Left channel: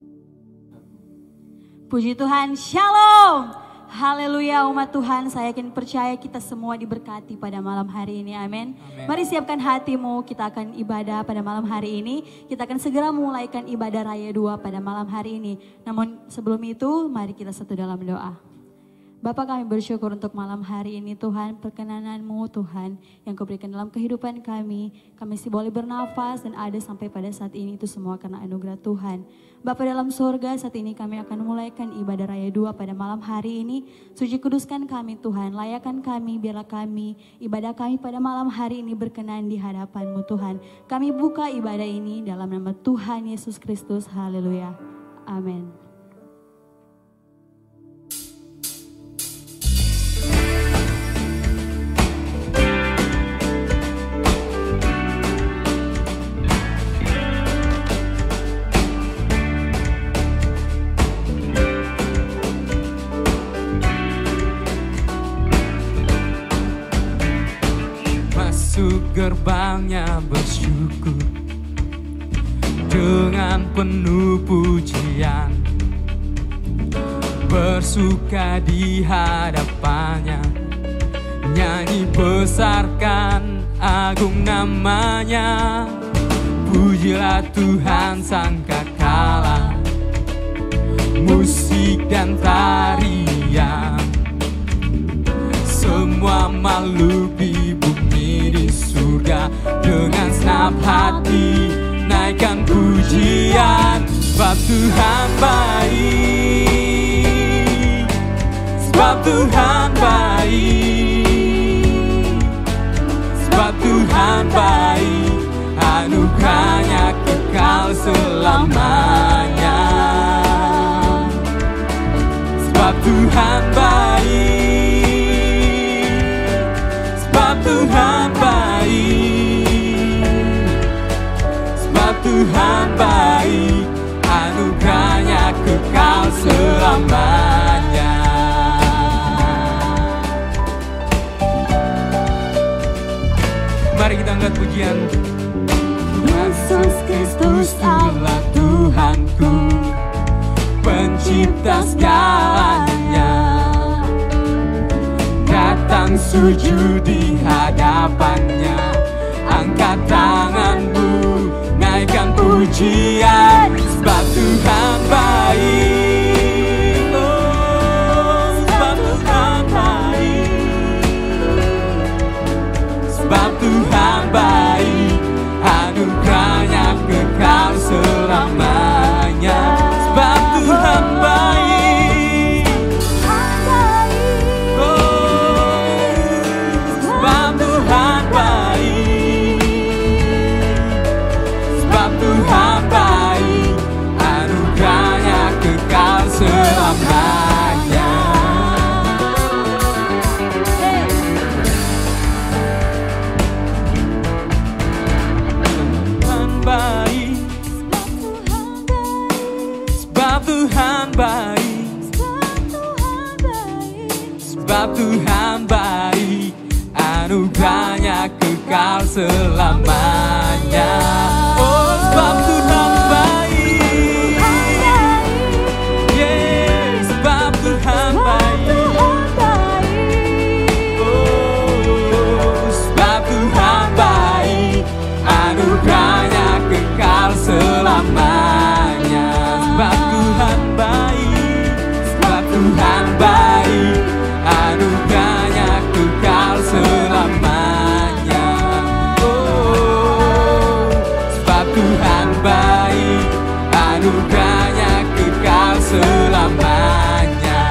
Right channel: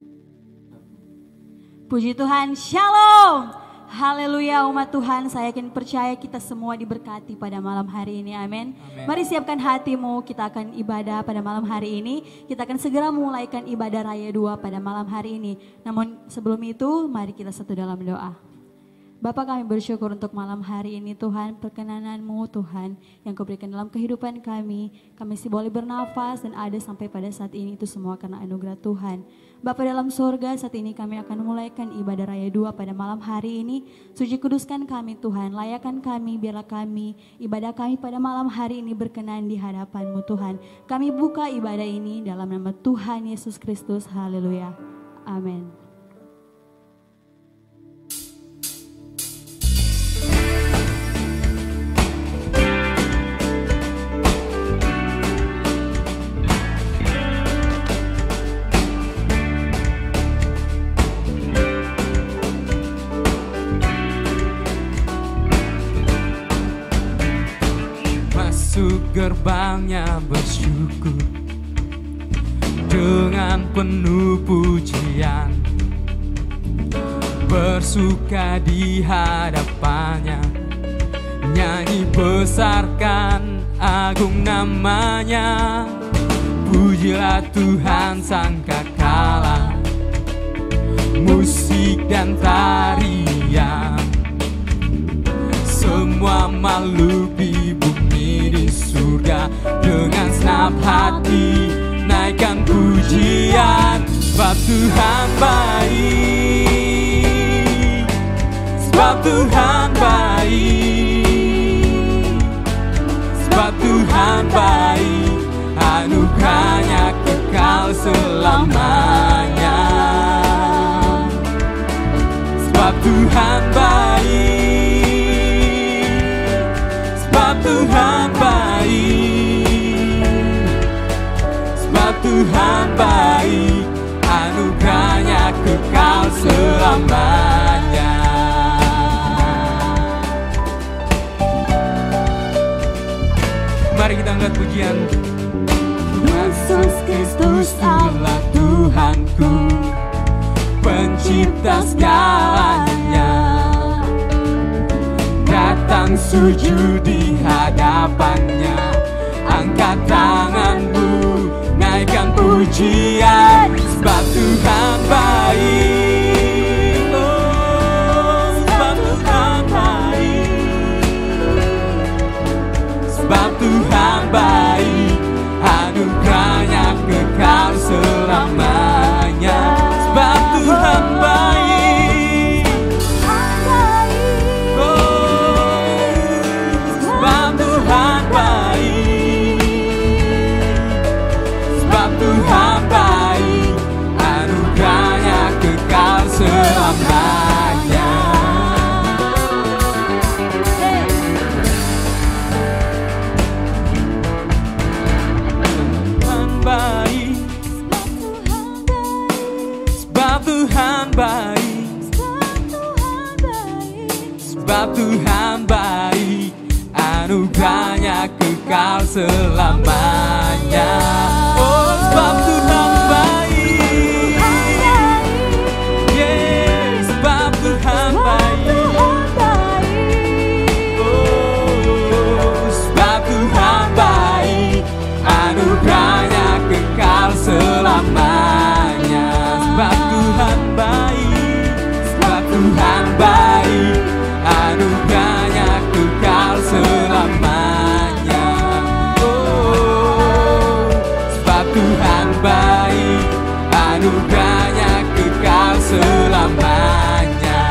Puji Tuhan, Shalom. Haleluya umat Tuhan, saya yakin percaya kita semua diberkati pada malam hari ini, amin. Mari siapkan hatimu, kita akan ibadah pada malam hari ini. Kita akan segera mulaikan ibadah Raya 2 pada malam hari ini. Namun sebelum itu, mari kita satu dalam doa. Bapa, kami bersyukur untuk malam hari ini Tuhan, perkenanan-Mu Tuhan yang Kau berikan dalam kehidupan kami. Kami masih boleh bernafas dan ada sampai pada saat ini, itu semua karena anugerah Tuhan. Bapa dalam surga, saat ini kami akan mulaikan ibadah Raya 2 pada malam hari ini. Suci kuduskan kami Tuhan, layakan kami, biarlah kami, ibadah kami pada malam hari ini berkenan di hadapan-Mu Tuhan. Kami buka ibadah ini dalam nama Tuhan Yesus Kristus, haleluya, amin. Masuk gerbangnya bersyukur dengan penuh pujian, bersuka di hadapannya, nyanyi besarkan agung namanya. Pujilah Tuhan sang kekala, musik dan tarian, semua makhluk di bumi di surga dengan senap hati naikkan pujian. Sebab Tuhan baik, sebab Tuhan baik, sebab Tuhan baik, anugerahnya kekal selamanya. Sebab Tuhan baik, sebab Tuhan baik, sebab Tuhan baik, anugerahnya kekal selamanya. Mari kita angkat pujian. Yesus Kristus adalah Tuhanku, pencipta segalanya. Datang sujud di hadapannya, angkat tanganmu, naikkan pujian. Sebab Tuhan baik, oh, sebab Tuhan baik, sebab Tuhan baik, anugerahnya kekal selamanya. Sebab Tuhan baik, sebab Tuhan baik, sebab Tuhan baik, anugerahnya kekal selamanya. Tuhan baik, sebab Tuhan baik, sebab Tuhan baik, anugerahnya kekal selamanya. Oh, sebab Tuhan baik, yeah, sebab Tuhan baik, oh, sebab Tuhan baik, anugerahnya kekal selamanya. Sebab Tuhan baik, sebab Tuhan baik, anugerahnya kekal selamanya. Oh, sebab Tuhan baik, anugerahnya kekal selamanya.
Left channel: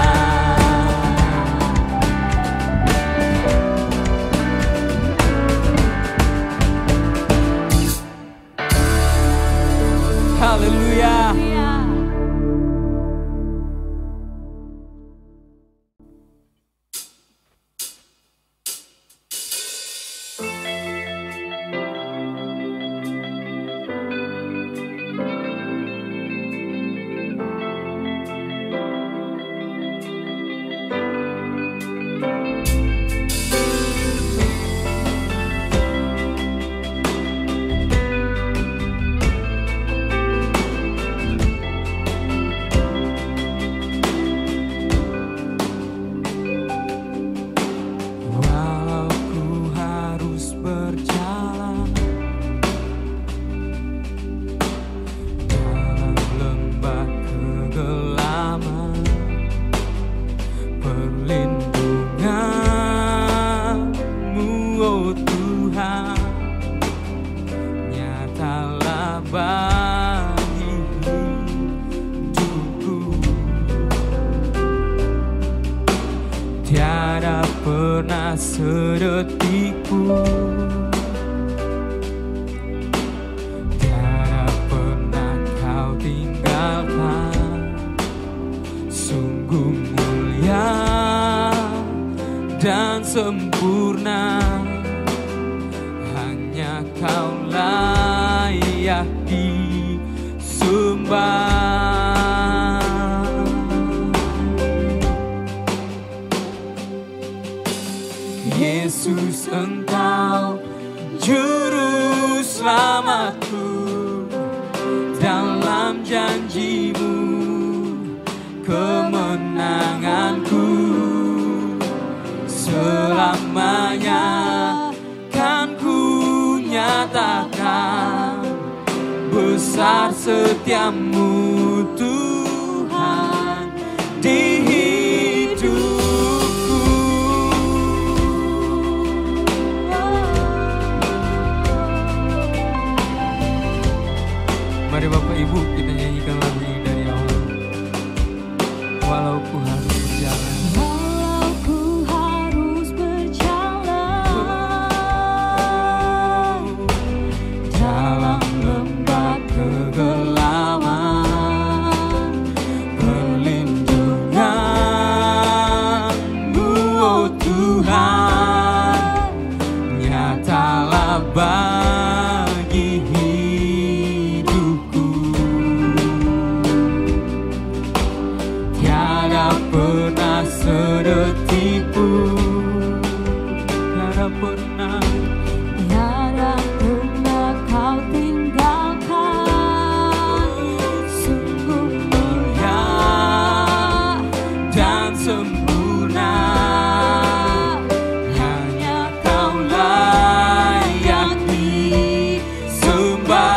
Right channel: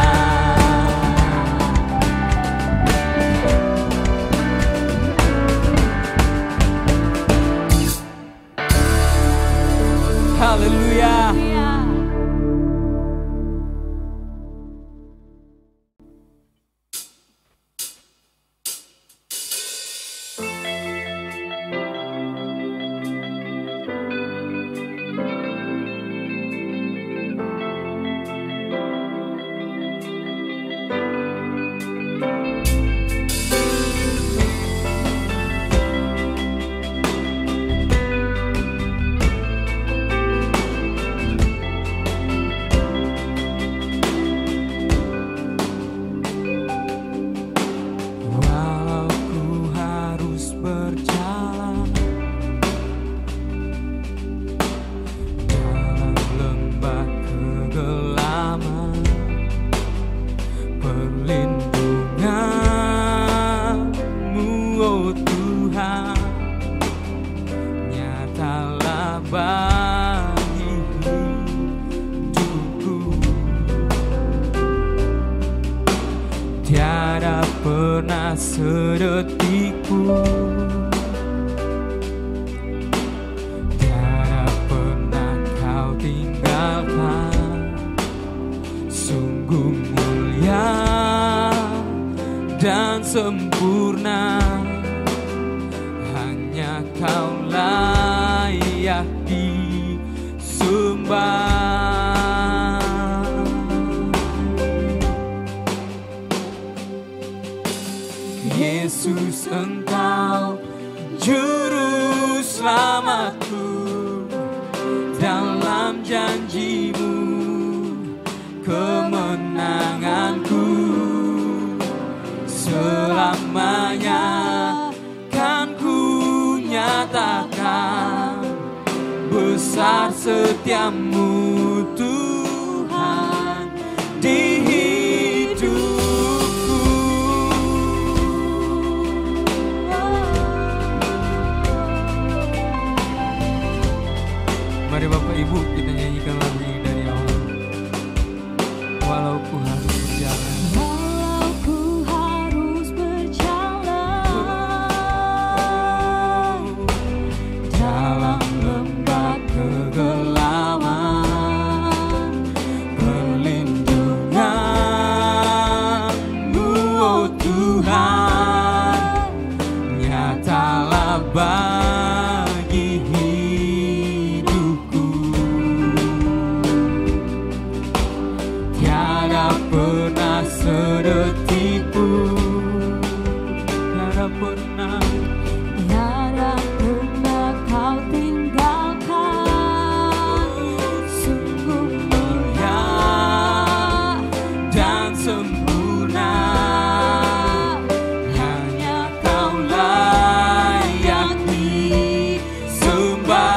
Haleluya. sedetikku. Tiada pernah kau tinggalkan, sungguh mulia dan sempurna. Hanya kau layak disembah. Yesus, Engkau juru selamatku, dalam janji-Mu kemenanganku. Selamanya kan ku nyatakan besar setiamu Tuhan di hidupku. Mari Bapak Ibu kita nyanyikan lagu ini dari awal. Walau ku harus berjalan dalam lembah kegelapan, perlindungan-Mu, oh Tuhan, nyatalah bagi hidupku. Tiada pernah sedetik pun, tiada pernah kau tinggalkan, sungguh mulia dan sempurna. Hanya kau layak disembah.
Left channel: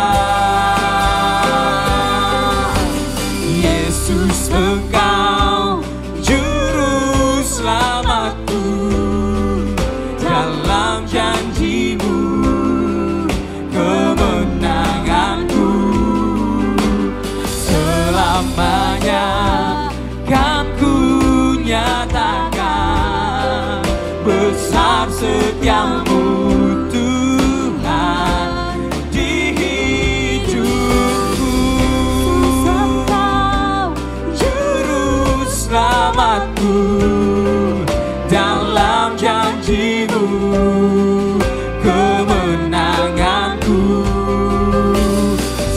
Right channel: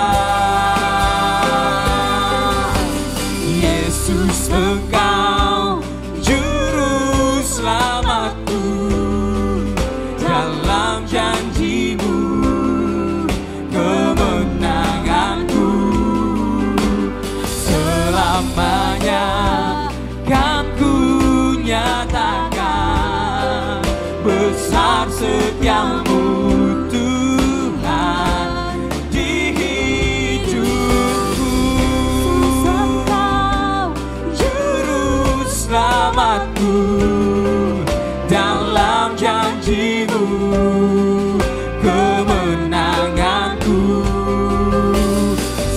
Yesus, Engkau juru selamatku, dalam janji-Mu kemenanganku. Selamanya kan ku nyatakan besar setiamu Tuhan di hidupku. Juru selamatku, dalam janji-Mu kemenanganku.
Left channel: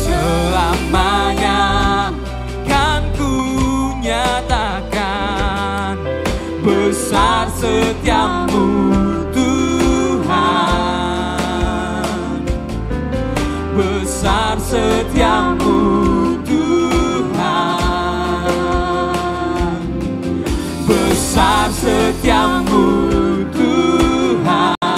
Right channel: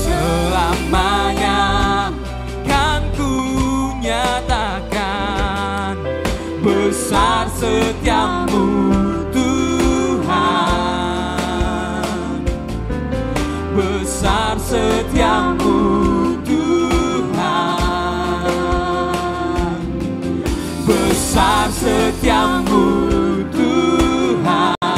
Selamanya kan ku nyatakan besar setiamu Tuhan, besar setiamu Tuhan, besar setiamu Tuhan.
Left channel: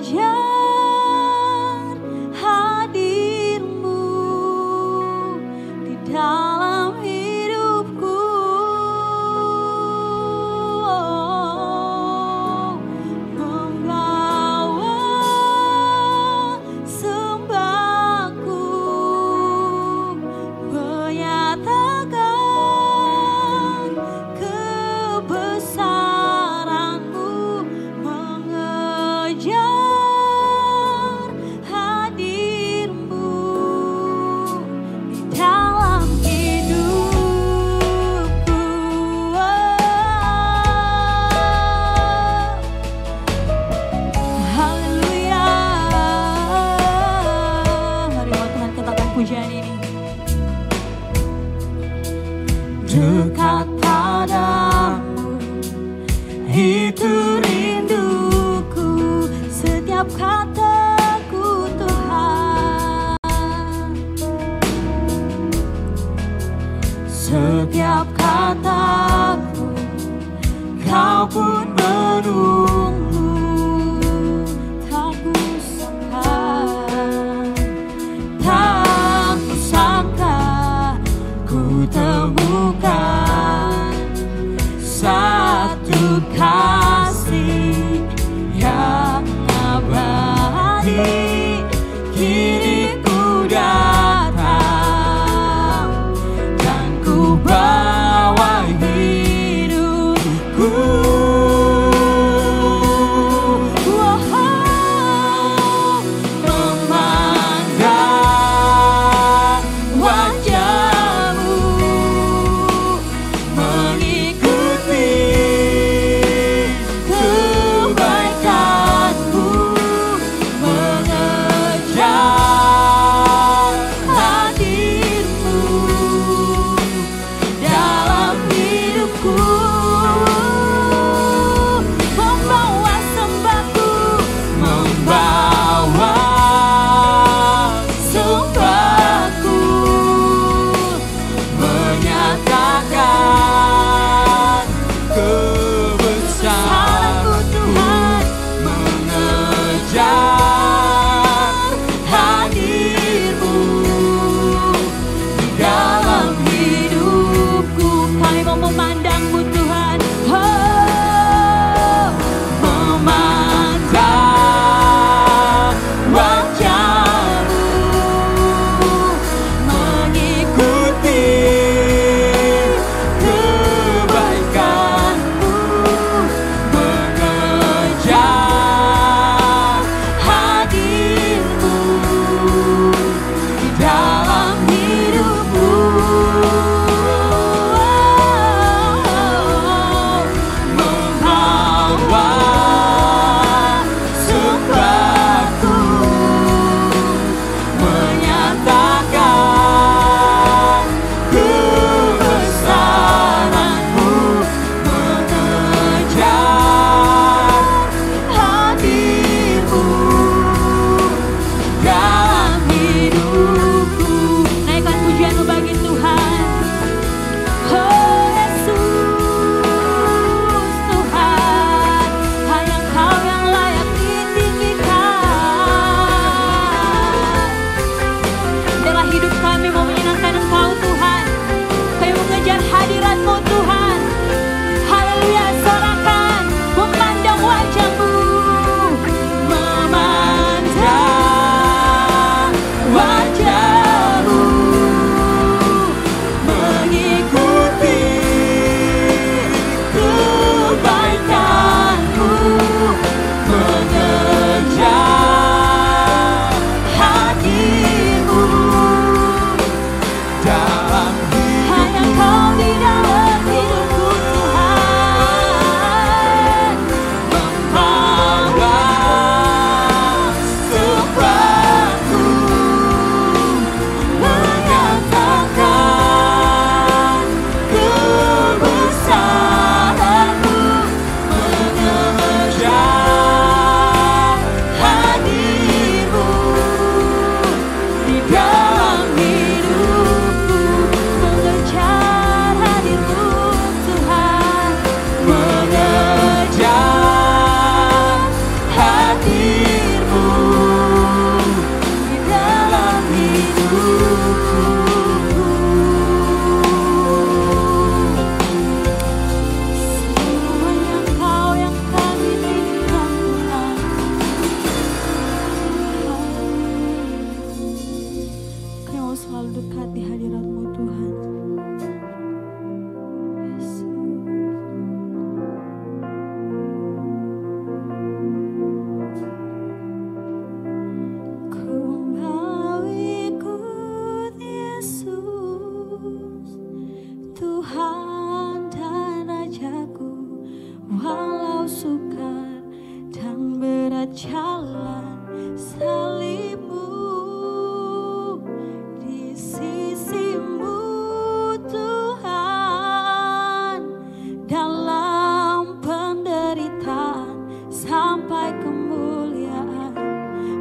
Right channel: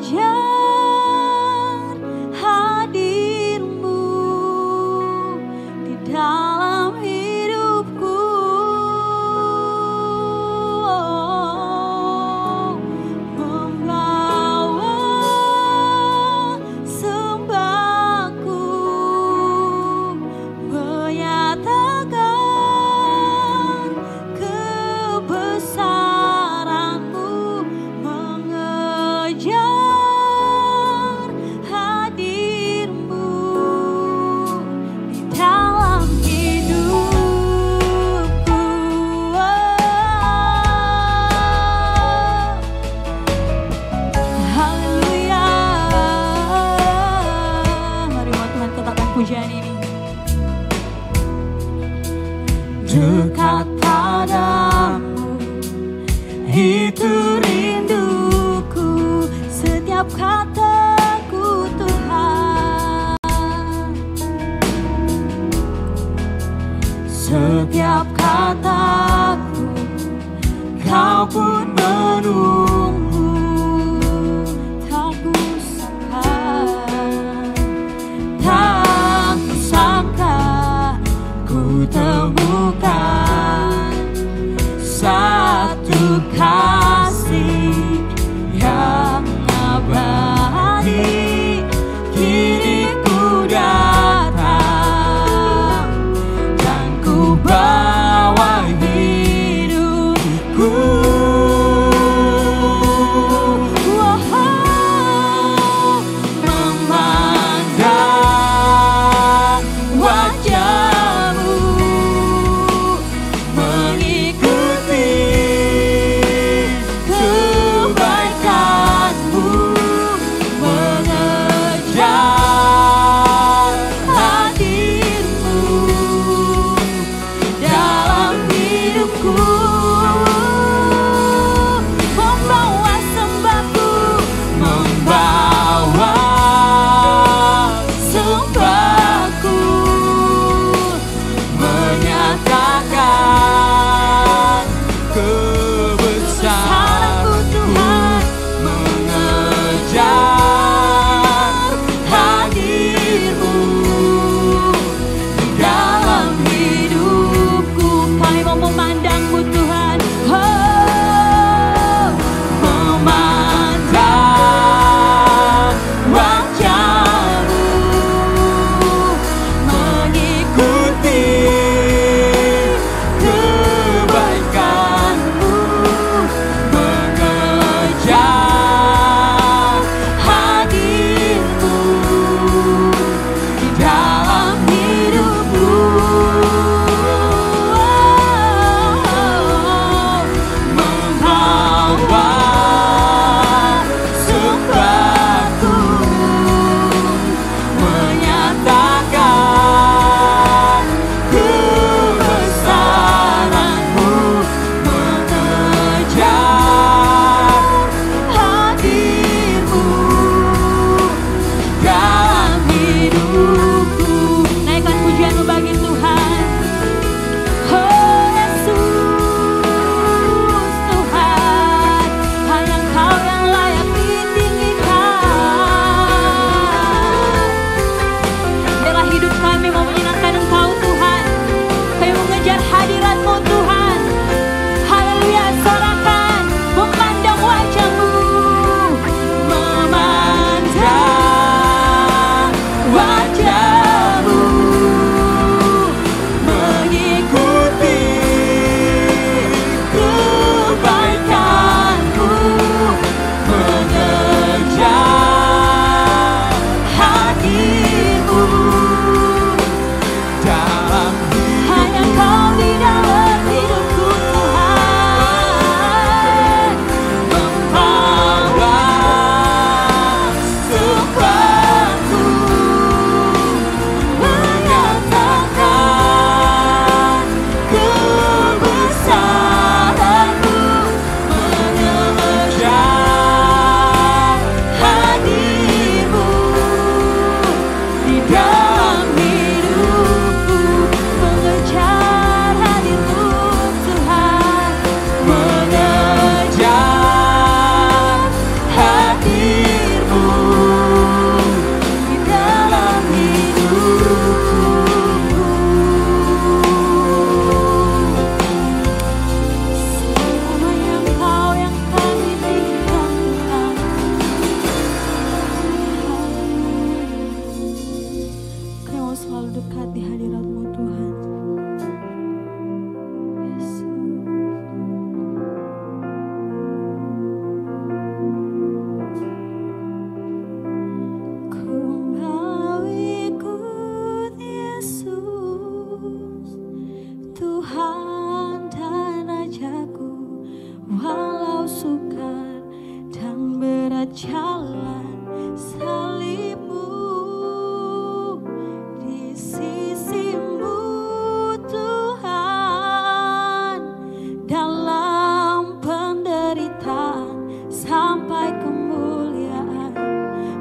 mengejar hadir-Mu di dalam hidupku. Membawa sembahku, menyatakan kebesaran-Mu, mengejar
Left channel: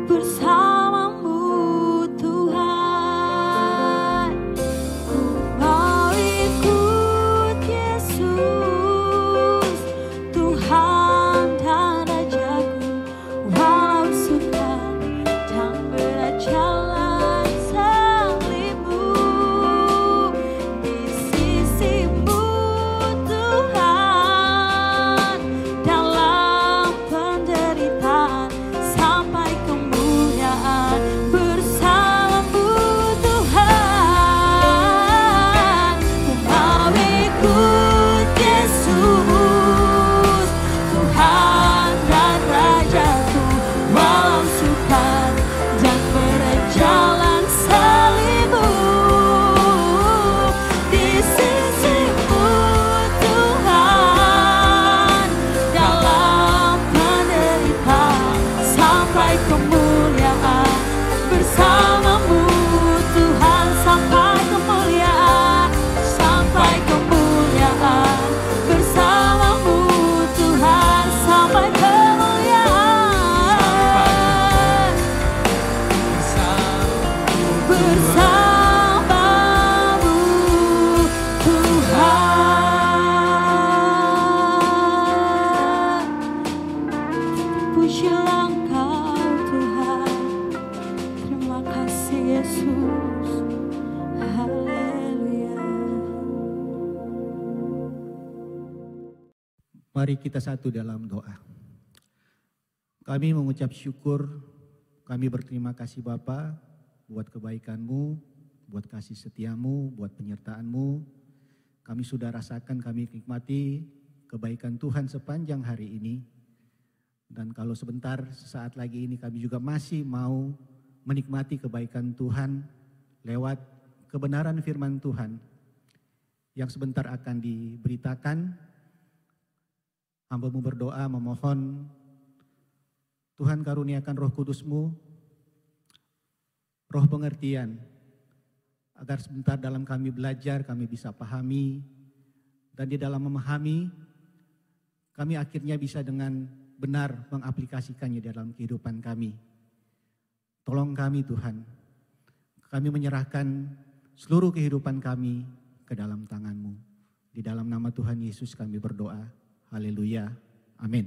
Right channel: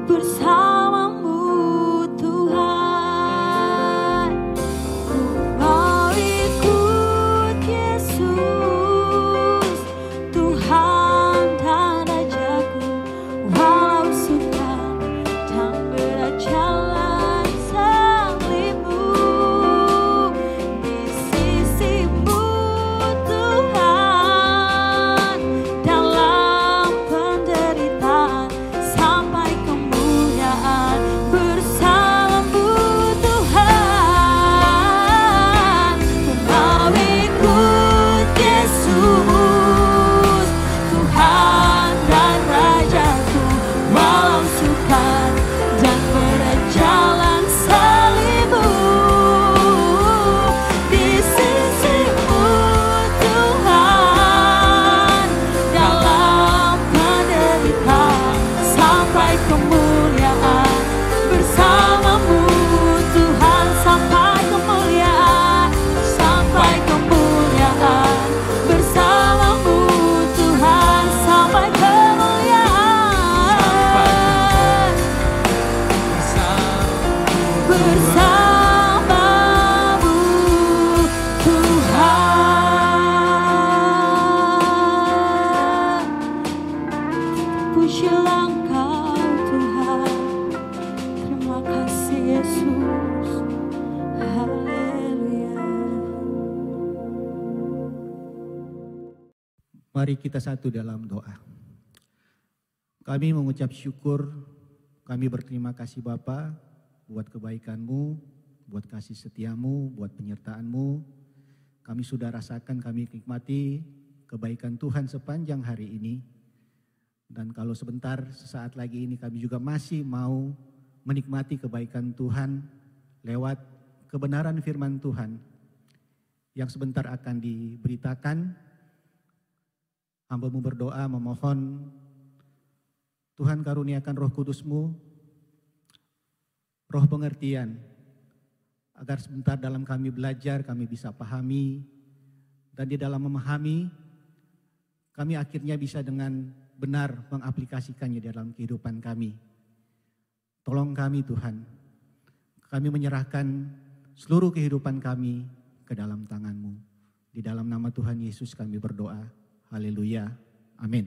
bersamamu Tuhan. Ku mau ikut Yesus, Tuhan dan Rajaku, walau suka dan berat jalan salibmu. Di sisimu Tuhan, dalam penderitaan sampai kemuliaan bersamamu Tuhan. Ku mau ikut Yesus, Tuhan dan Rajaku, walau sukar dan berat jalan salibmu. Di sisimu Tuhan, dalam penderitaan sampai kemuliaan bersamamu Tuhan, sampai kemuliaan, sampai kemuliaan bersamamu Tuhan, sampai kemuliaan bersamamu Tuhan. Pujilah Engkau Tuhan, terima kasih Yesus, haleluya. Mari kita satu dalam doa. Kami mengucap syukur, kami berterima kasih Bapa buat kebaikan-Mu, buat kasih setia-Mu, buat penyertaan-Mu. Kami sudah rasakan, kami nikmati kebaikan Tuhan sepanjang hari ini. Dan kalau sebentar, sesaat lagi ini kami juga masih mau menikmati kebaikan Tuhan lewat kebenaran firman Tuhan yang sebentar akan diberitakan. Hamba-Mu berdoa memohon Tuhan karuniakan Roh Kudus-Mu, roh pengertian, agar sebentar dalam kami belajar, kami bisa pahami, dan di dalam memahami, kami akhirnya bisa dengan benar mengaplikasikannya dalam kehidupan kami. Tolong kami Tuhan, kami menyerahkan seluruh kehidupan kami ke dalam tangan-Mu. Di dalam nama Tuhan Yesus kami berdoa, haleluya, amin.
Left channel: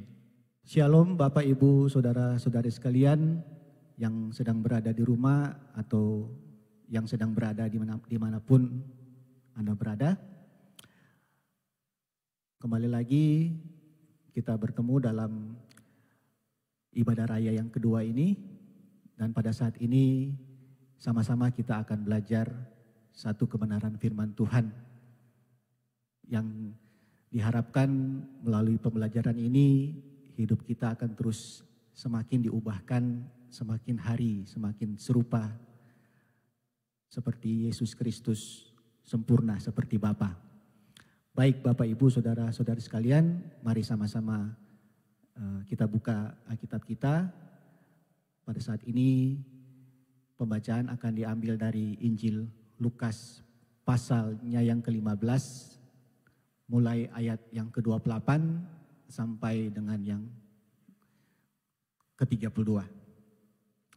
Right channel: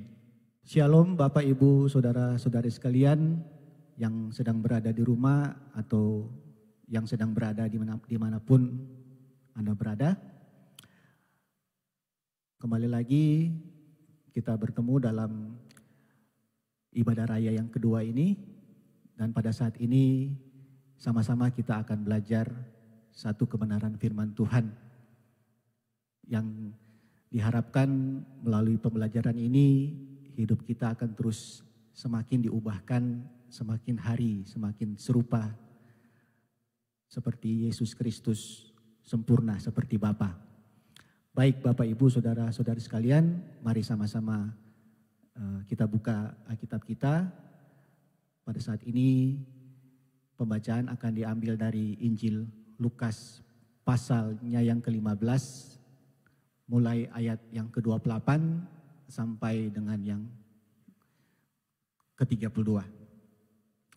Shalom Bapak Ibu Saudara-saudari sekalian yang sedang berada di rumah atau yang sedang berada dimanapun Anda berada. Kembali lagi kita bertemu dalam ibadah raya yang kedua ini, dan pada saat ini sama-sama kita akan belajar satu kebenaran firman Tuhan yang diharapkan melalui pembelajaran ini hidup kita akan terus semakin diubahkan, semakin hari semakin serupa seperti Yesus Kristus, sempurna seperti Bapa. Baik Bapak Ibu Saudara-saudari sekalian, mari sama-sama kita buka Alkitab kita. Pada saat ini pembacaan akan diambil dari Injil Lukas pasalnya yang ke-15, mulai ayat yang ke-28 sampai dengan yang ke-32.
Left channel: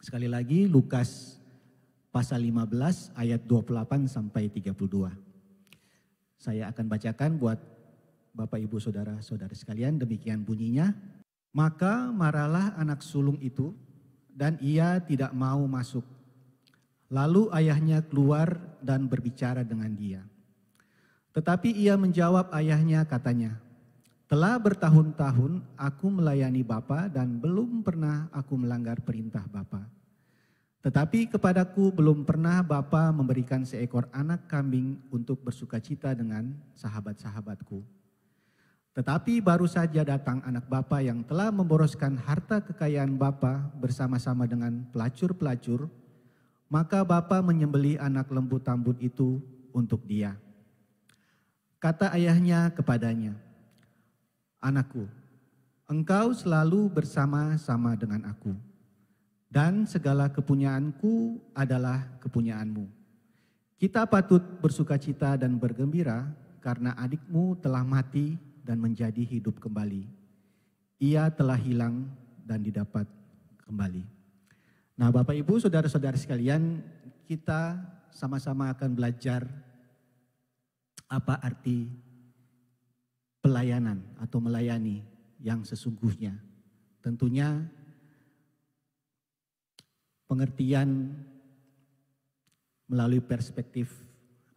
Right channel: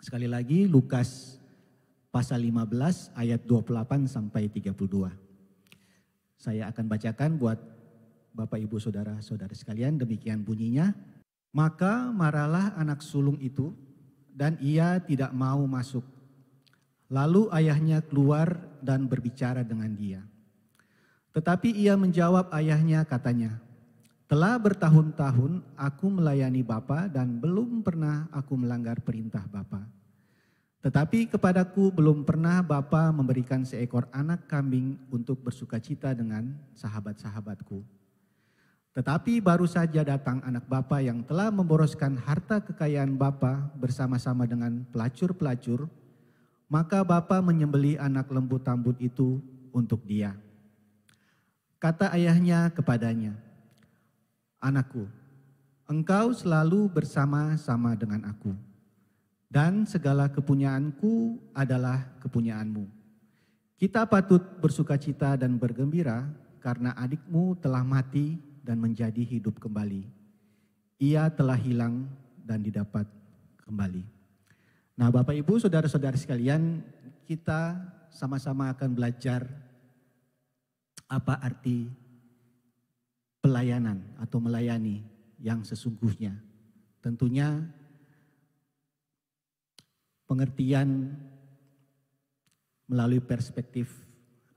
Sekali lagi Lukas pasal 15 ayat 28 sampai 32. Saya akan bacakan buat Bapak Ibu Saudara-saudari sekalian, demikian bunyinya. Maka marahlah anak sulung itu dan ia tidak mau masuk. Lalu ayahnya keluar dan berbicara dengan dia. Tetapi ia menjawab ayahnya, katanya, telah bertahun-tahun aku melayani Bapa dan belum pernah aku melanggar perintah Bapa. Tetapi kepadaku belum pernah Bapa memberikan seekor anak kambing untuk bersukacita dengan sahabat-sahabatku. Tetapi baru saja datang anak Bapa yang telah memboroskan harta kekayaan Bapa bersama-sama dengan pelacur-pelacur, maka Bapa menyembelih anak lembu tambun itu untuk dia. Kata ayahnya kepadanya, anakku, engkau selalu bersama-sama dengan aku, dan segala kepunyaanku adalah kepunyaanmu. Kita patut bersukacita dan bergembira karena adikmu telah mati dan menjadi hidup kembali. Ia telah hilang dan didapat kembali. Nah, Bapak Ibu, saudara-saudara sekalian, kita sama-sama akan belajar apa arti pelayanan atau melayani yang sesungguhnya. Tentunya pengertian melalui perspektif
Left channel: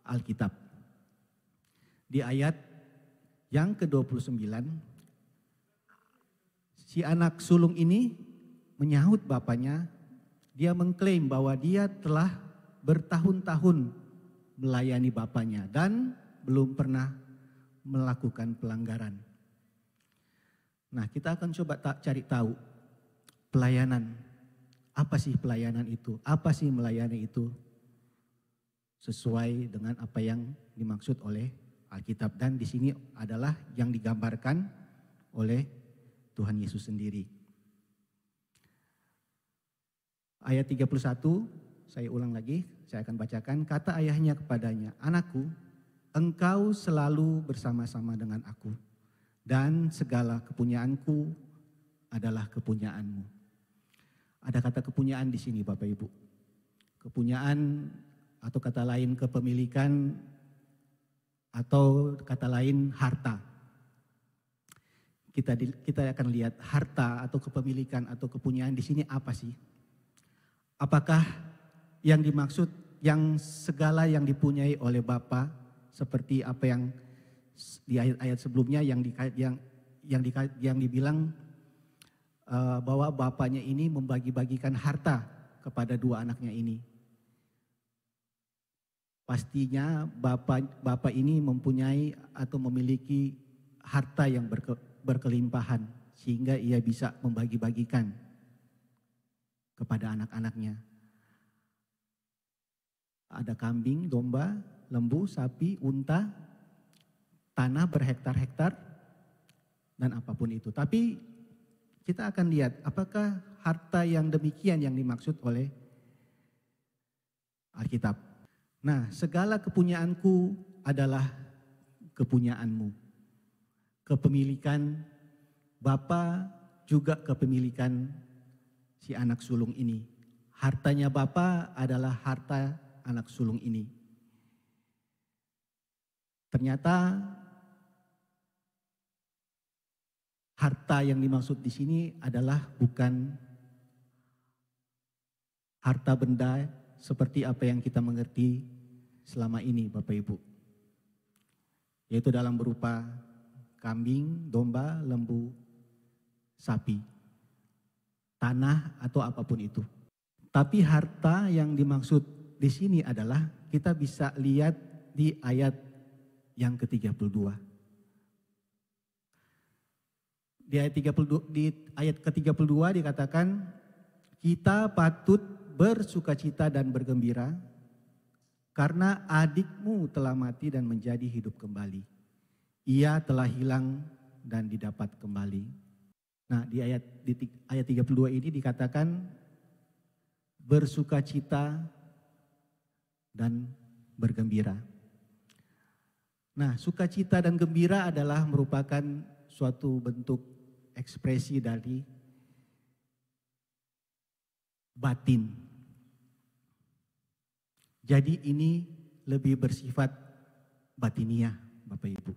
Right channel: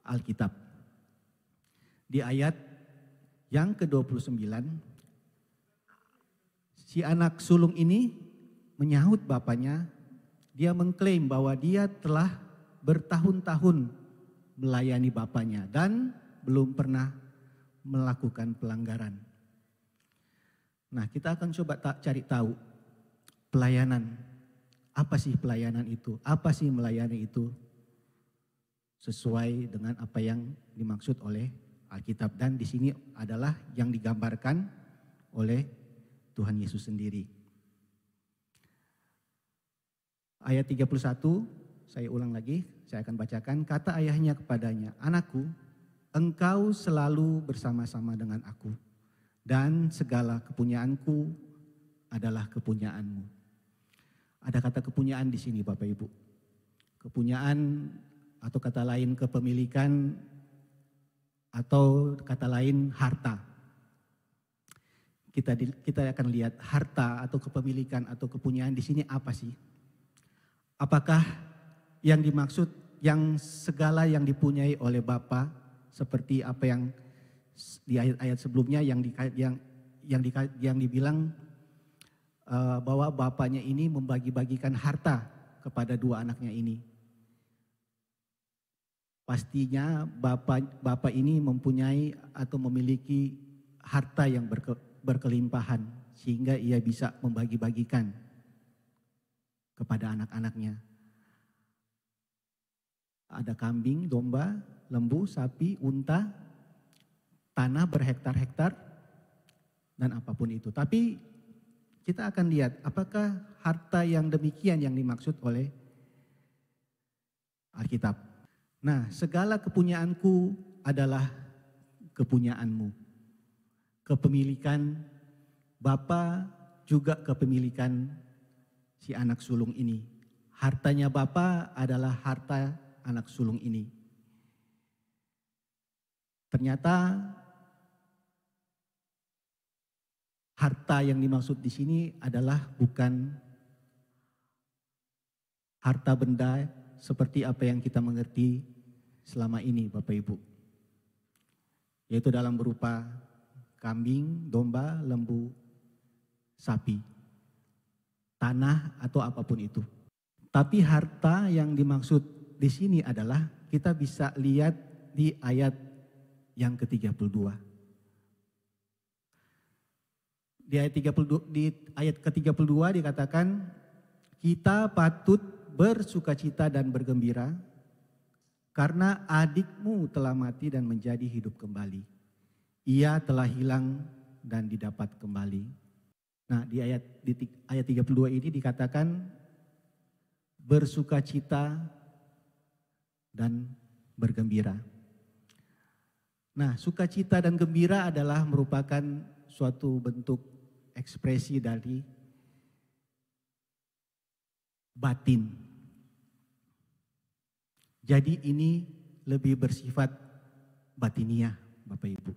Alkitab. Di ayat yang ke-29, si anak sulung ini menyahut bapaknya. Dia mengklaim bahwa dia telah bertahun-tahun melayani bapaknya dan belum pernah melakukan pelanggaran. Nah, kita akan coba cari tahu pelayanan. Apa sih pelayanan itu? Apa sih melayani itu? Sesuai dengan apa yang dimaksud oleh Alkitab. Dan di sini adalah yang digambarkan oleh Tuhan Yesus sendiri. Ayat 31, saya ulang lagi, saya akan bacakan. Kata ayahnya kepadanya, "Anakku, engkau selalu bersama-sama dengan aku, dan segala kepunyaanku adalah kepunyaanmu." Ada kata kepunyaan di sini, Bapak Ibu. Kepunyaan atau kata lain kepemilikan atau kata lain harta. Kita akan lihat harta atau kepemilikan atau kepunyaan di sini apa sih? Apakah yang dimaksud yang segala yang dipunyai oleh Bapa seperti apa yang di ayat-ayat sebelumnya yang dibilang bahwa bapaknya ini membagi-bagikan harta kepada dua anaknya ini. Pastinya bapak ini mempunyai atau memiliki harta yang berkelimpahan sehingga ia bisa membagi-bagikan kepada anak-anaknya. Ada kambing, domba, lembu, sapi, unta, tanah berhektar-hektar, dan apapun itu. Tapi kita akan lihat apakah harta yang demikian yang dimaksud oleh Alkitab. Nah, segala kepunyaanku adalah kepunyaanmu. Kepemilikan Bapa juga kepemilikan si anak sulung ini. Hartanya Bapa adalah harta anak sulung ini. Ternyata harta yang dimaksud di sini adalah bukan harta benda seperti apa yang kita mengerti selama ini, Bapak Ibu. Yaitu dalam berupa kambing, domba, lembu, sapi, tanah atau apapun itu. Tapi harta yang dimaksud di sini adalah kita bisa lihat di ayat yang ke-32. Di ayat ke-32 dikatakan, "Kita patut bersukacita dan bergembira karena adikmu telah mati dan menjadi hidup kembali. Ia telah hilang dan didapat kembali." Nah, di ayat 32 ini dikatakan bersukacita dan bergembira. Nah, sukacita dan gembira adalah merupakan suatu bentuk ekspresi dari batin. Jadi ini lebih bersifat batiniah, Bapak Ibu.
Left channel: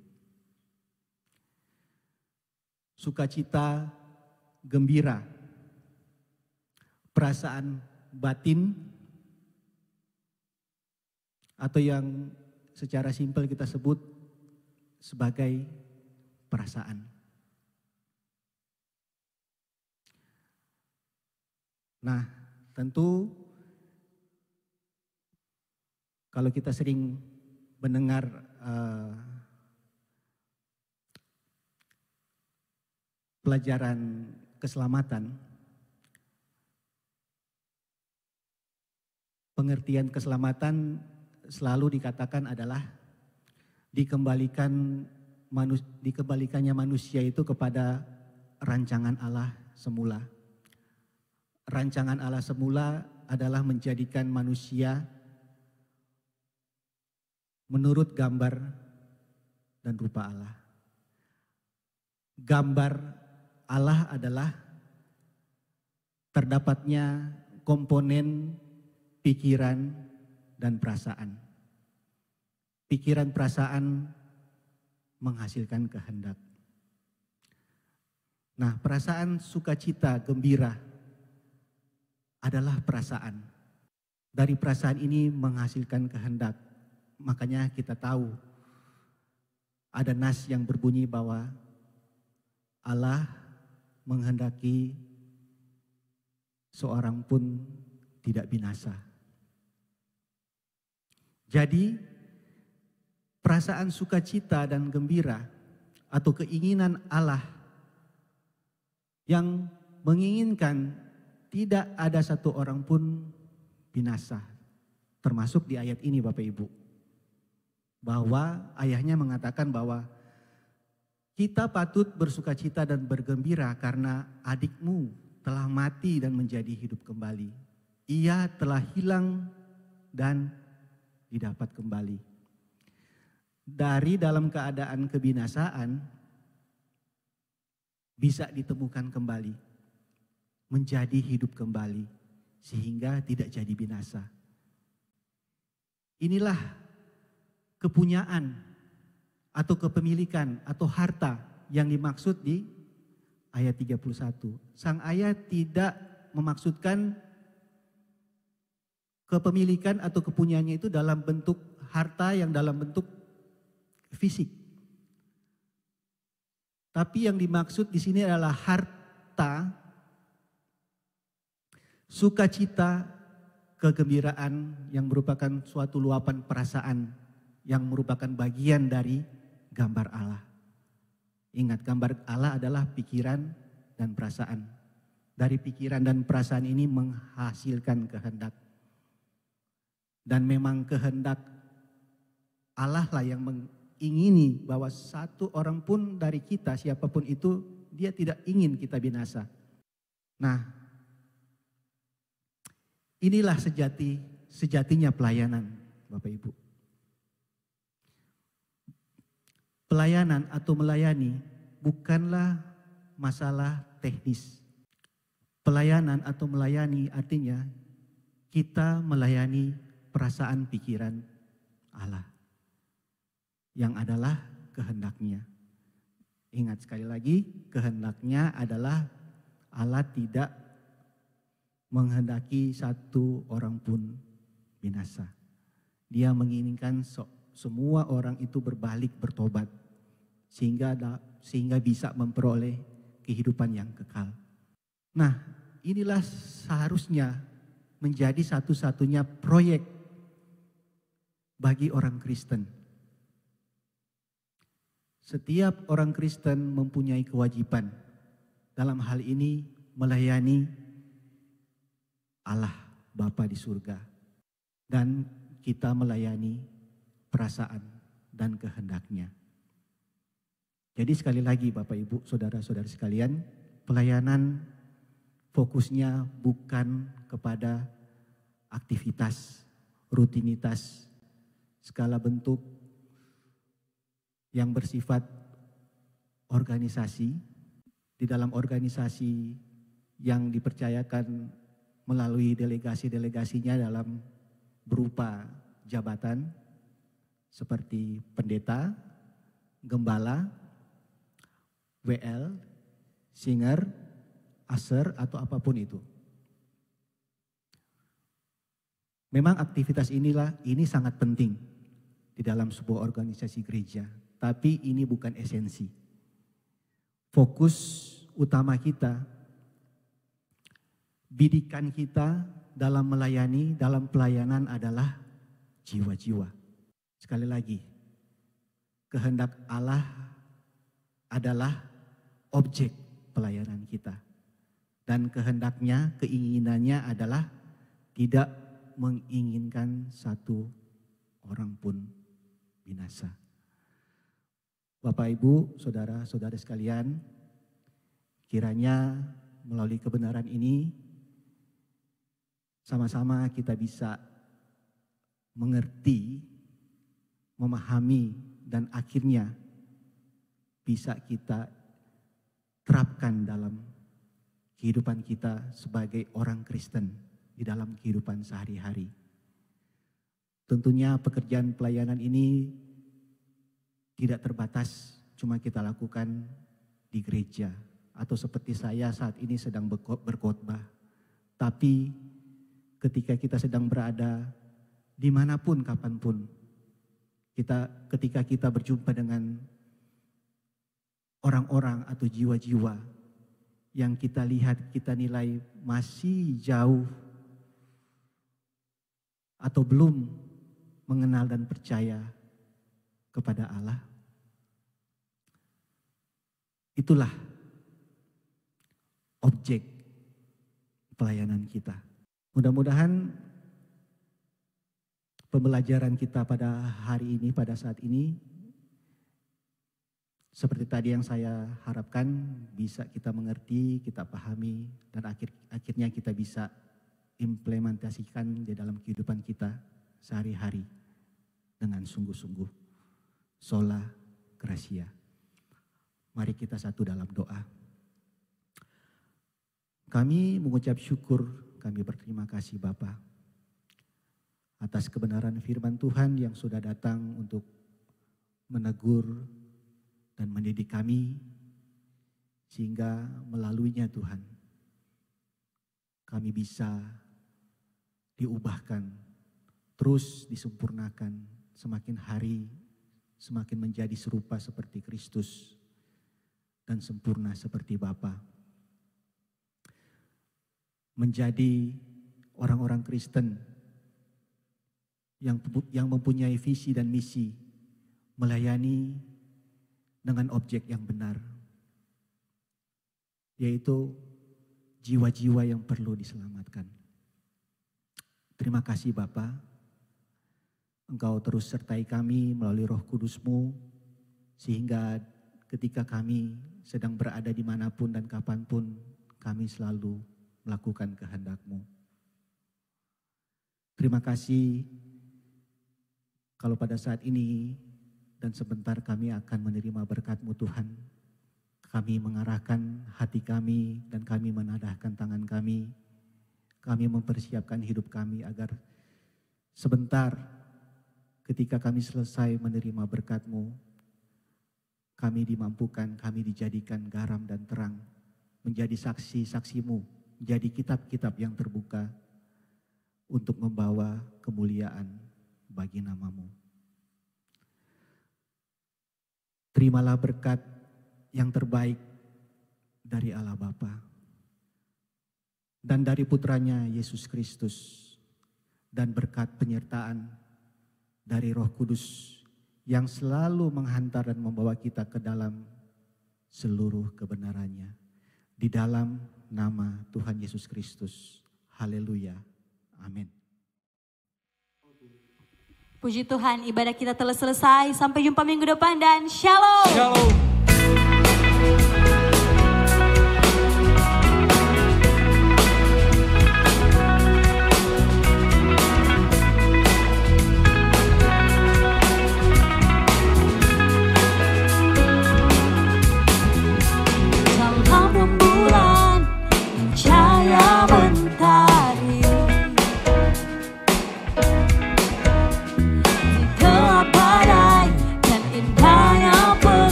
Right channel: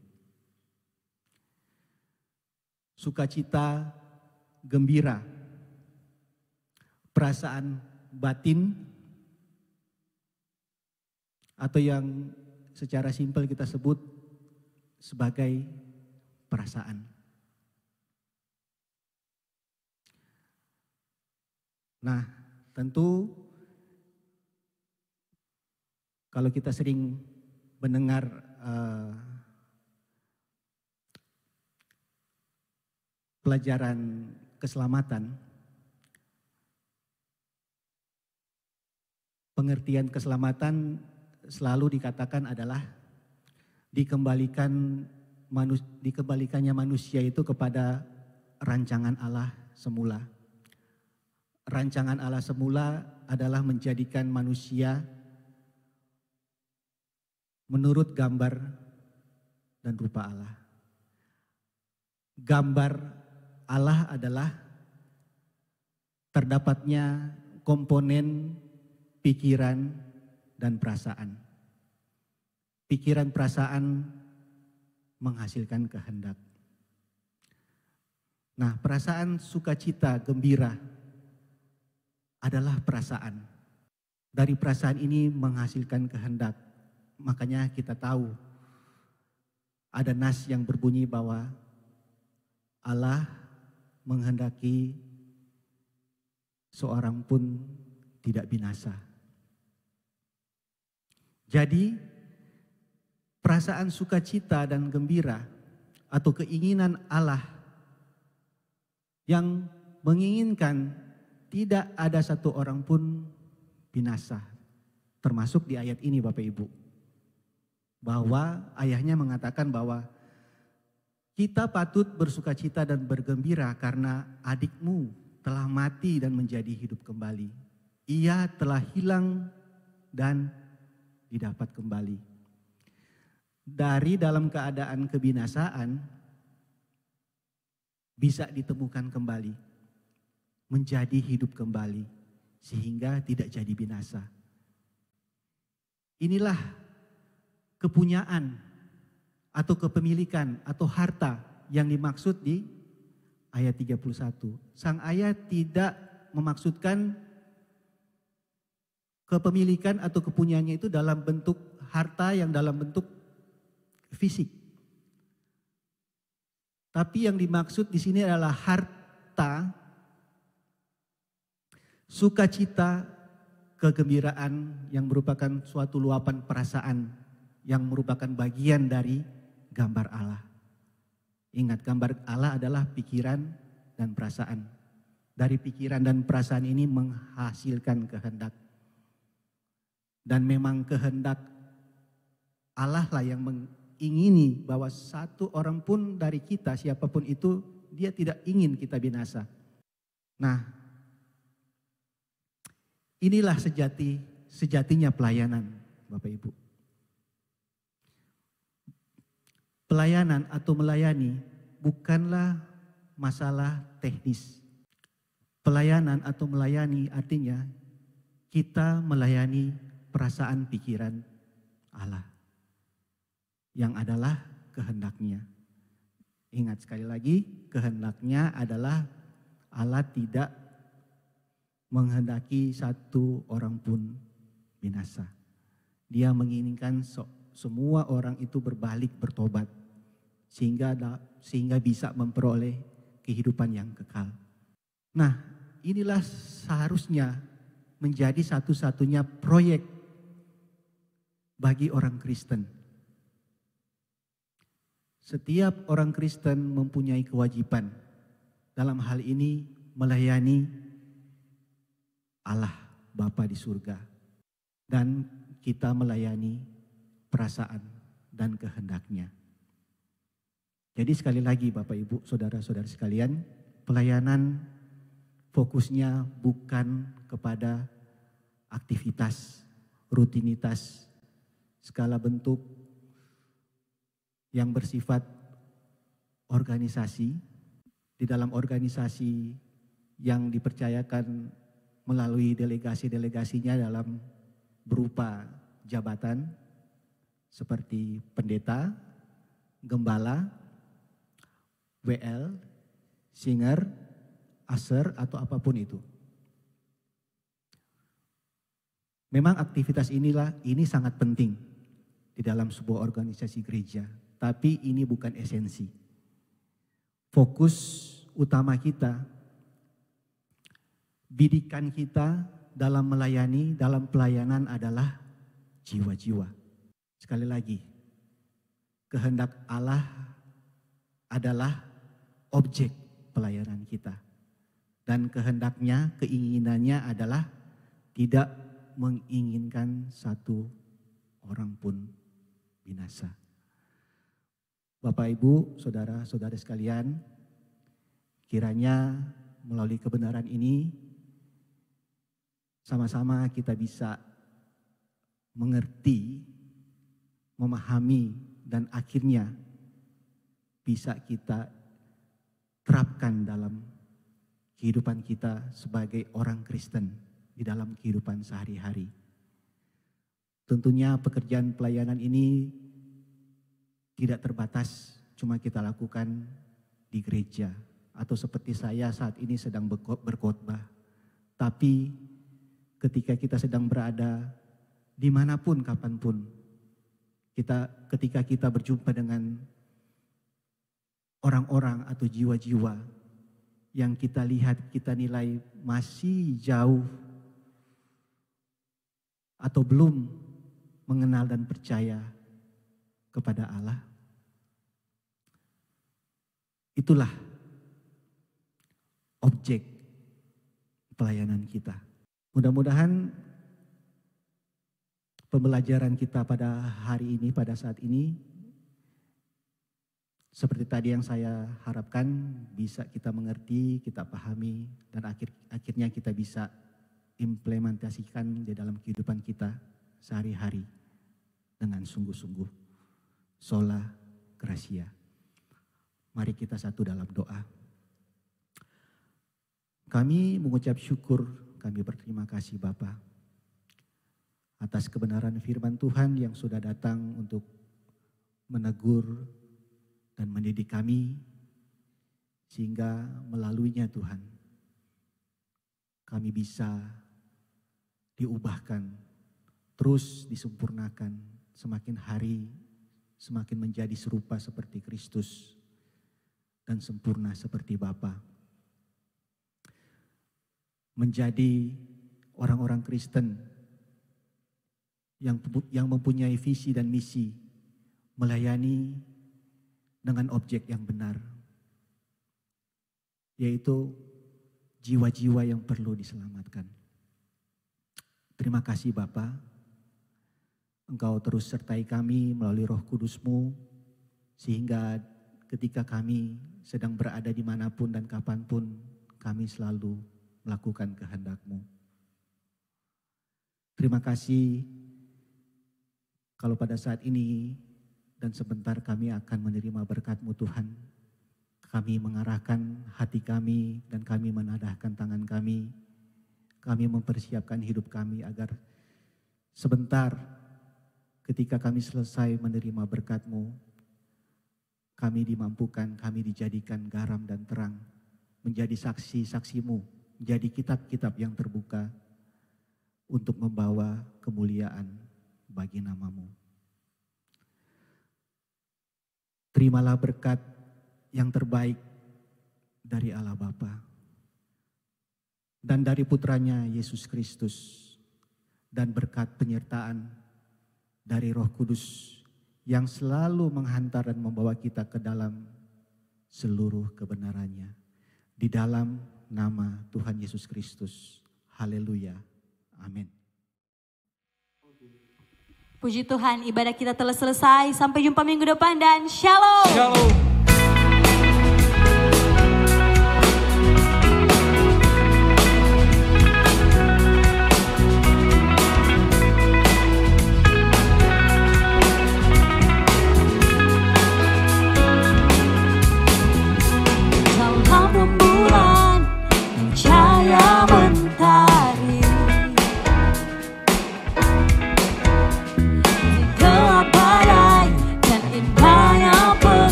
Sukacita, gembira, perasaan batin atau yang secara simpel kita sebut sebagai perasaan. Nah, tentu kalau kita sering mendengar pelajaran keselamatan, pengertian keselamatan selalu dikatakan adalah dikembalikannya manusia itu kepada rancangan Allah semula. Rancangan Allah semula adalah menjadikan manusia menurut gambar dan rupa Allah. Gambar Allah adalah terdapatnya komponen pikiran dan perasaan. Pikiran perasaan menghasilkan kehendak. Nah, perasaan sukacita, gembira adalah perasaan. Dari perasaan ini menghasilkan kehendak. Makanya kita tahu ada nas yang berbunyi bahwa Allah menghendaki seorang pun tidak binasa. Jadi perasaan sukacita dan gembira atau keinginan Allah yang menginginkan tidak ada satu orang pun binasa. Termasuk di ayat ini Bapak Ibu. Bahwa ayahnya mengatakan bahwa kita patut bersukacita dan bergembira karena adikmu telah mati dan menjadi hidup kembali. Ia telah hilang dan didapat kembali. Dari dalam keadaan kebinasaan bisa ditemukan kembali, menjadi hidup kembali, sehingga tidak jadi binasa. Inilah kepunyaan atau kepemilikan atau harta yang dimaksud di ayat 31. Sang ayah tidak memaksudkan kepemilikan atau kepunyaannya itu dalam bentuk harta yang dalam bentuk fisik. Tapi yang dimaksud di sini adalah harta, sukacita, kegembiraan yang merupakan suatu luapan perasaan yang merupakan bagian dari gambar Allah. Ingat, gambar Allah adalah pikiran dan perasaan. Dari pikiran dan perasaan ini menghasilkan kehendak. Dan memang kehendak Allah lah yang mengingini bahwa satu orang pun dari kita, siapapun itu, dia tidak ingin kita binasa. Nah, inilah sejatinya pelayanan, Bapak Ibu. Pelayanan atau melayani bukanlah masalah teknis. Pelayanan atau melayani artinya kita melayani perasaan pikiran Allah yang adalah kehendaknya. Ingat sekali lagi, kehendaknya adalah Allah tidak menghendaki satu orang pun binasa. Dia menginginkan semua orang itu berbalik, bertobat, sehingga bisa memperoleh kehidupan yang kekal. Nah, inilah seharusnya menjadi satu-satunya proyek bagi orang Kristen. Setiap orang Kristen mempunyai kewajiban dalam hal ini melayani Allah Bapa di surga, dan kita melayani perasaan dan kehendaknya. Jadi sekali lagi Bapak Ibu, saudara-saudari sekalian, pelayanan fokusnya bukan kepada aktivitas, rutinitas, skala bentuk yang bersifat organisasi. Di dalam organisasi yang dipercayakan melalui delegasi-delegasinya dalam berupa jabatan seperti pendeta, gembala, WL, singer, aser, atau apapun itu. Memang aktivitas ini sangat penting di dalam sebuah organisasi gereja, tapi ini bukan esensi. Fokus utama kita, bidikan kita dalam melayani, dalam pelayanan adalah jiwa-jiwa. Sekali lagi, kehendak Allah adalah objek pelayanan kita. Dan kehendaknya, keinginannya adalah tidak menginginkan satu orang pun binasa. Bapak, Ibu, saudara-saudari sekalian, kiranya melalui kebenaran ini sama-sama kita bisa mengerti, memahami, dan akhirnya bisa kita terapkan dalam kehidupan kita sebagai orang Kristen di dalam kehidupan sehari-hari. Tentunya pekerjaan pelayanan ini tidak terbatas cuma kita lakukan di gereja atau seperti saya saat ini sedang berkhotbah. Tapi ketika kita sedang berada dimanapun, kapanpun, ketika kita berjumpa dengan orang-orang atau jiwa-jiwa yang kita lihat, kita nilai masih jauh atau belum mengenal dan percaya kepada Allah, itulah objek pelayanan kita. Mudah-mudahan pembelajaran kita pada hari ini, pada saat ini, seperti tadi yang saya harapkan bisa kita mengerti, kita pahami, dan akhirnya kita bisa implementasikan di dalam kehidupan kita sehari-hari dengan sungguh-sungguh. Sola Gracia. Mari kita satu dalam doa. Kami mengucap syukur, kami berterima kasih Bapa atas kebenaran firman Tuhan yang sudah datang untuk menegur dan mendidik kami, sehingga melaluinya Tuhan kami bisa diubahkan, terus disempurnakan, semakin hari semakin menjadi serupa seperti Kristus dan sempurna seperti Bapa. Menjadi orang-orang Kristen yang mempunyai visi dan misi, melayani dengan objek yang benar, yaitu jiwa-jiwa yang perlu diselamatkan. Terima kasih Bapa, Engkau terus sertai kami melalui Roh Kudus-Mu, sehingga ketika kami sedang berada dimanapun dan kapanpun, kami selalu melakukan kehendak-Mu. Terima kasih kalau pada saat ini dan sebentar kami akan menerima berkat-Mu Tuhan. Kami mengarahkan hati kami dan kami menadahkan tangan kami. Kami mempersiapkan hidup kami agar sebentar ketika kami selesai menerima berkat-Mu, kami dimampukan, kami dijadikan garam dan terang, menjadi saksi-saksi-Mu, menjadi kitab-kitab yang terbuka untuk membawa kemuliaan bagi nama-Mu. Terimalah berkat yang terbaik dari Allah Bapa dan dari putranya Yesus Kristus, dan berkat penyertaan dari Roh Kudus yang selalu menghantar dan membawa kita ke dalam seluruh kebenarannya. Di dalam nama Tuhan Yesus Kristus. Haleluya. Amin. Puji Tuhan, ibadah kita telah selesai. Sampai jumpa minggu depan dan shalom. Shalom.